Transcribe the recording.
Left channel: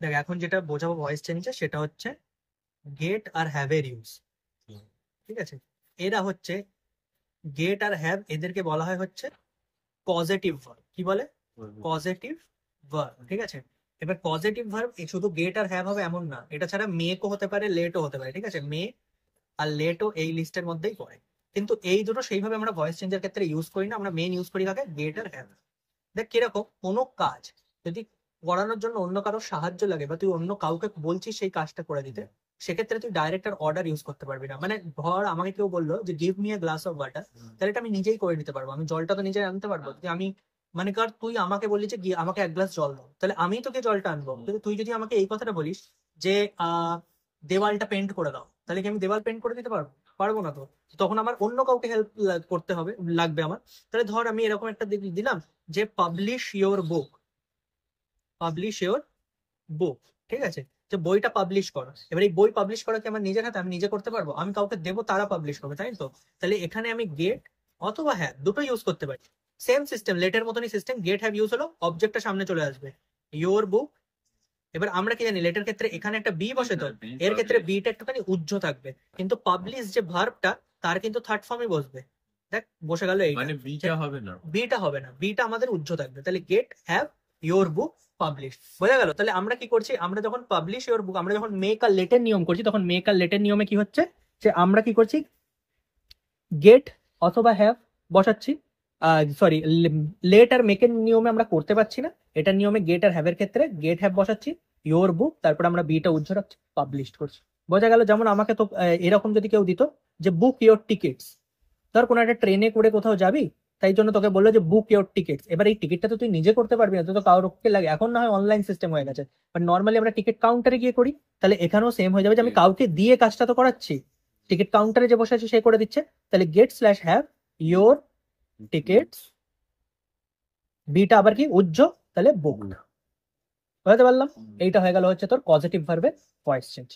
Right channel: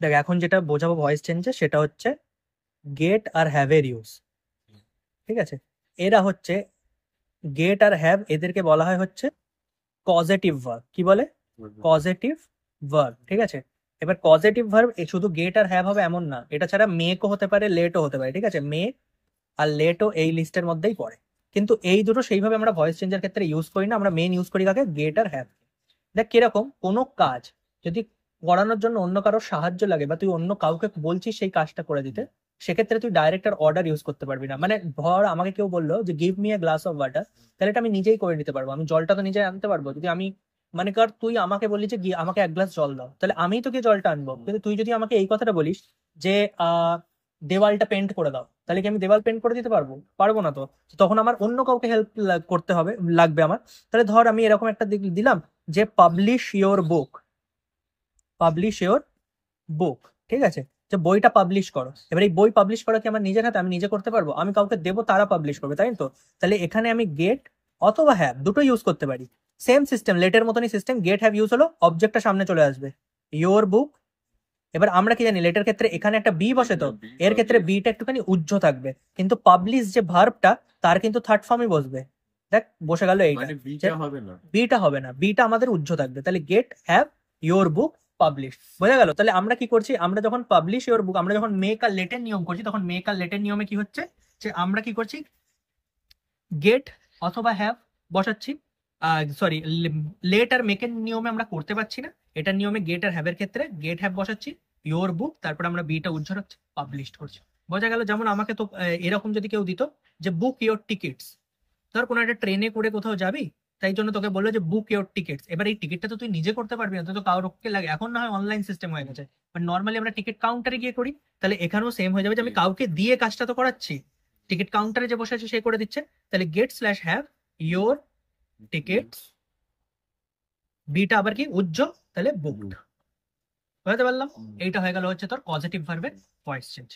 দেখ এখন যেটা বোঝাবো ভয়েস চেঞ্জে সেটা হচ্ছে গেট আর হ্যাভ এর ইউজ। ঠিক আছে, এরা হচ্ছে গেট আর হ্যাভ, এদেরকে বলা হয় হচ্ছে কজেটিভ ভার্ব। কি বলে? Causative verb. ঠিক আছে, এবার কজেটিভ ভার্ব শুধু গেট আর হ্যাভ হবে এমন না, এটা ছাড়া মেকও হতে পারে, লেটও হতে পারে। ঠিক আছে, মে আর লেটও এই লিস্টের মধ্যেই পড়ে, কিন্তু এই দুটো সেইভাবে আমরা ভয়েস চেঞ্জের ক্ষেত্রে ইউজ করি না। আমরা মেন ইউজ করি কাকে? গেট আর হ্যাভ। দেখ কিরকম, কোনো কাজ যদি করানোর জন্য অন্য কারোর সাহায্য লাগে বা তুই অন্য কাউকে বলছিস সেই কাজটা করে দিতে, সেক্ষেত্রে তুই ডাইরেক্ট আর অর্ডার ইউজ করতে পারবি না। মানে ধর আমাকে কেউ বললো যে give me a glass of water, তাহলে এটা আমি নিজেই করে নিতে পারবো, আমি জলটা তো নিজে আনতে পারবো। যদি আমি মানে কর তুই আমাকে বললি যে আমাকে এক গ্লাস জল দাও, তাহলে আমিই তোকে জলটা আনবো। কিন্তু তুই যদি আমাকে এই কথাটা বলিস যে দেওয়ালটা পেন্ট করে দাও, তাহলে কি আমি দেওয়াল পেন্ট করে দিতে পারবো? পারবো না তো। তখন আমার অন্য কাউকে হেল্প করতে হবে, লাগবে আমার। তাহলে ধর আমি এরকম একটা দিলাম যে publish your book, publish your বুক। ঠিক আছে, যে বইটা পাবলিশ করো। এবার এই বই পাবলিশ করা কি আমার নিজের হাতে? আমি নিজে করতে পারবো? আমি কাউকে দেবো, তারা পাবলিশ করবে, তাই তো? তাহলে এখানে আমি গেট অথবা হ্যাভ দুটো ইউজ করতে পারি। সেম সিস্টেম, লেটের মতনই সিস্টেম। গেট হ্যাভ ইউজ হলো, অবজেক্টটা সামনে চলে আসবে, ইওর বুক। এবার আমরা কি জানি লেটের ক্ষেত্রে এখানে একটা বি বসে, তো এর ক্ষেত্রে বিটা একটুখানি উজ্জ্ব থাকবে, কিন্তু পাবলিশ যে ভার্বটা তার কিন্তু থার্ড ফর্মই বসবে। দেখ বসে গেল এইটা, মানে বিটা হবে না, বিটা হবে না, বিটা আমাদের উজ্জ্ব থাকবে। তাহলে get have your book publish, বোঝা গেল? তাহলে আমরা কি করছি, আমরা যখন পাবলিশ ইওর বুক, আমরা যখন মেক আর লেটের নিয়ম করছি, তখন মেক আর লেটের নিয়মে কি হচ্ছে যে আমরা কি করছি, গেট অথবা হ্যাভ বসাচ্ছি। সরি, লেট আর মেকের নিয়মে আমরা করতে পারছি না, এটার নিয়মে গেট আর হ্যাভের ক্ষেত্রে গেট হ্যাভ বসাচ্ছি, ইওর বুক, তারপর আমরা বিটা উজ্জ্ব রাখছি, পাবলিশ করছি। বোঝা গেল? যেমন আমাকে তো এরকম যদি কেউ দিত যে বুক ইওর টিকিটস, ধর কোনো একটা ট্রেনে করে কোথাও যাবি, তাই জন্য তোকে বললো যে বুক ইওর টিকিটস। এবার এই টিকিটটা তো তুই নিজে করতে পারবি না, তুই তো কাউকে লাগে। এখন না হয় অনলাইন সিস্টেম হয়ে গেছে, বাট নর্মালি আমরা টিকিট কাউন্টারে গিয়ে করি। তাহলে এখানেও সেম হয়ে যাবে যে আমি কাউকে দিয়ে কাজটা তো করাচ্ছি, টিকিট কাউন্টারে যে বসে আছে সে করে দিচ্ছে। তাহলে get slash have your tickets, বিটা আবার কি উজ্জ্ব, তাহলে বুকড। বুঝতে পারলাম? এইটা হয়ে গেল হচ্ছে তোর পজিটিভ ভার্বের ভয়েস চেঞ্জ।